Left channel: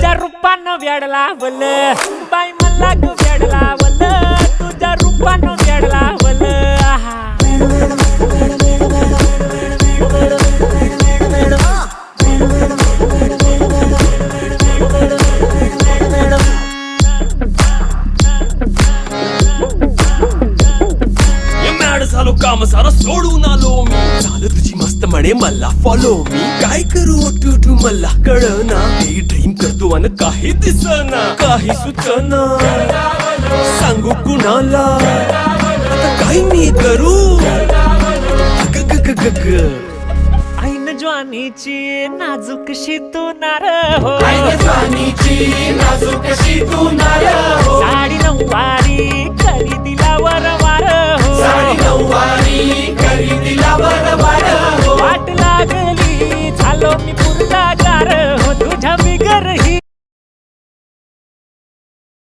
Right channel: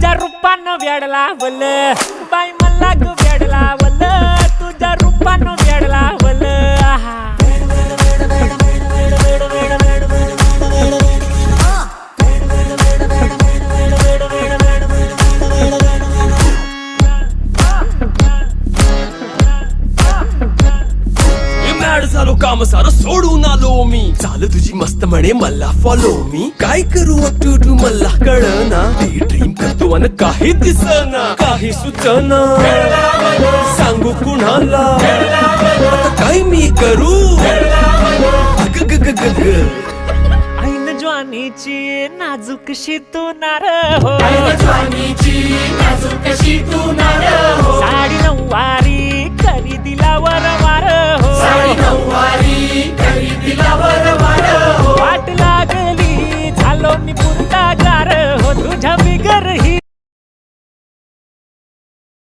तुझ्या रूपानं वेड लावल बाई मला ग वेड लावल तुझ्या रूपानं वेड लावल आहा झालो काम सारं सोडून आलो मी चाल तुझी मस्त म्हणे मला फॉलो मी काय करू टू मला कळना ती ड्रीम करतो अन काही दिसना काही सुचना सांगू कुणाला आता काय मी करू अग ग ग ग ग ऐन ज्वानीची नाजूकशी तू नार हो साडी नऊवारी करी दिला वरवार हो वाट लागली झालो मी पुरता गार हो तुझ्या बिगर ही